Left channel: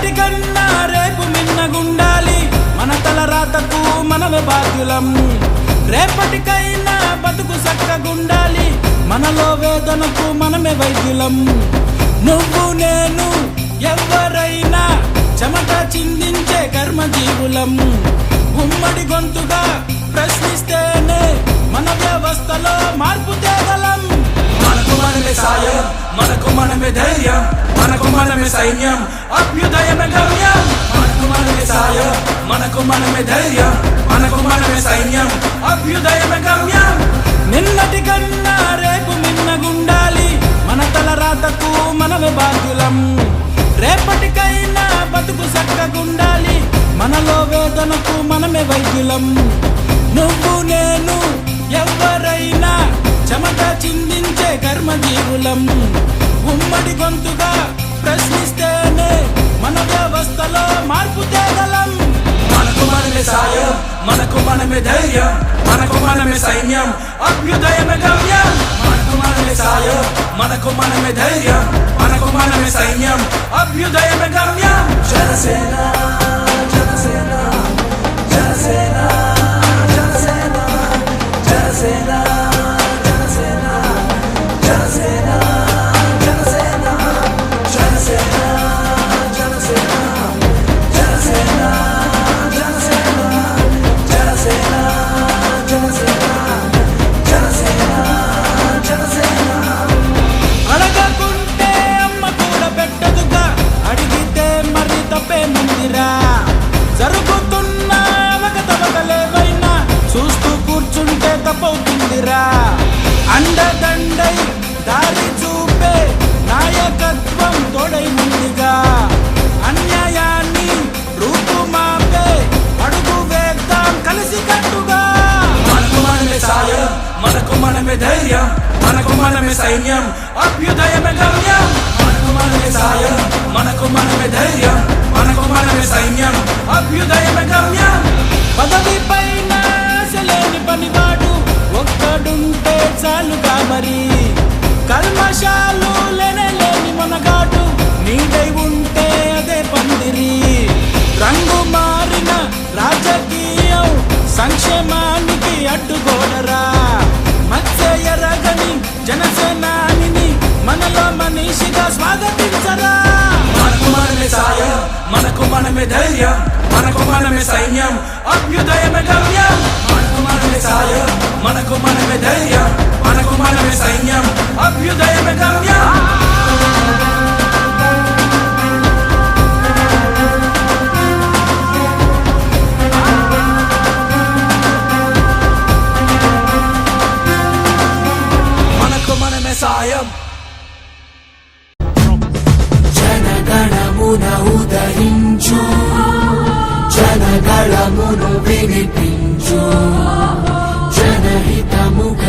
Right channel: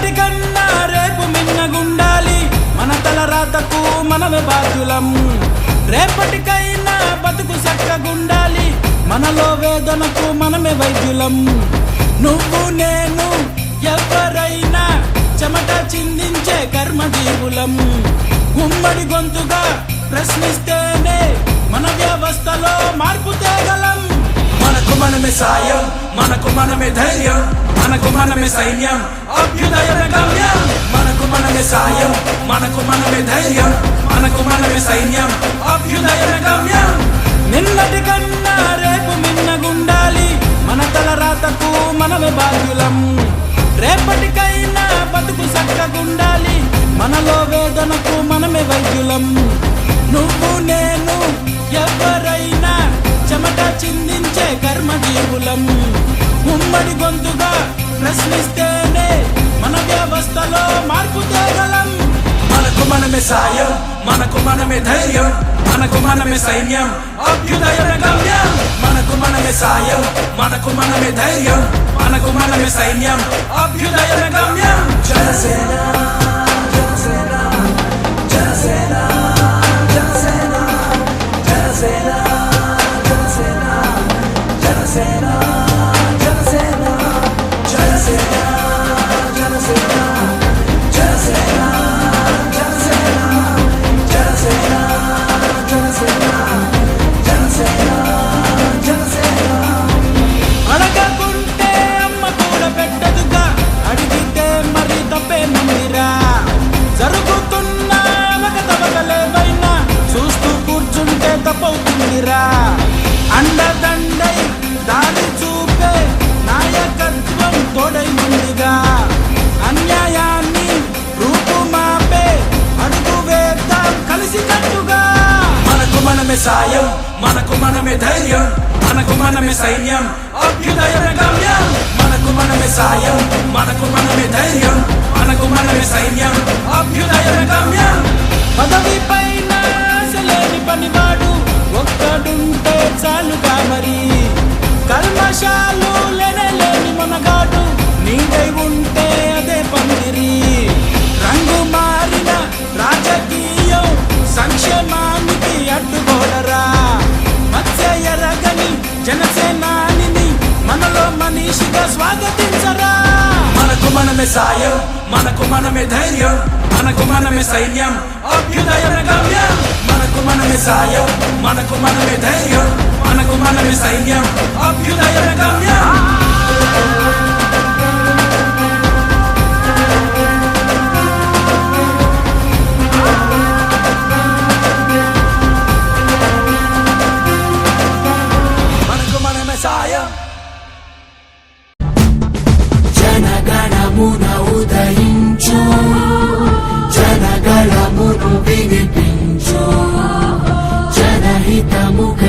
నిన్నటి కన్నా రేపు మిన్నగుండాలి. మన తల రాతకు మనమే బాధ్యులం. రేపటికైనా బతుకు చక్కగుండాలి. మనలో వేదనకు మనమే వైద్యులం. నువ్వు నేను ఎవరైనా చెమట చిందించే కర్మజీవులం. ఉమ్మడి గొంతుగా ప్రశ్నిస్తేనే మన వ్యవస్థలో మార్పు తేగలం. మనకు మనమే సాయం మనకు మనమే ధైర్యం మనకు మనమే సైన్యం అభ్యు మనమే బాధ్యులం. రేపటికైనా బతుకు చక్కగుండాలి. మనలో వేదనకు మనమే వైద్యులం. నువ్వు నేను ఎవరైనా చెమట చిందించే కర్మజీవులం. ఉమ్మడి గొంతుగా ప్రశ్నిస్తేనే మన వ్యవస్థలో మార్పు తేగలం. మనకు మనమే సాయం మనకు మనమే ధైర్యం మనకు మనమే సైన్యం అభ్యుదయ గమ్యం. మనకు మనమే సాయం మనకు మనమే ధైర్యం. మనకు మనమే సైన్యం అభ్యుదయ గమ్యం జనసేన. తప్పవుతుందిరా అండదండై దారి చూపే నాయకత్వం తోడై ముందుగా అన్యాయాన్ని రూపుమాపే అడుగు వేద్దాం కలిసి కట్టుగా. మనకు మనమే సాయం మనకు మనమే ధైర్యం మనకు మనమే సైన్యం అభ్యుదయ మనకు మనమే సాయం మనకు చాలుగా మరి. కల్మషాలు లేని మనగాడు నీడై ఉంటే అదే పందిరి. రంగు మారిన రాజకీయం సంక్షేమానికి అడ్డుగోడరా మధ్య ఎరగని జనసేనాని మనలో మనిషిగా స్వాగతించరా. మనకు మనమే సాయం మనకు మనమే ధైర్యం మనకు మనమే సైన్యం అభ్యుదయ जनहितमुख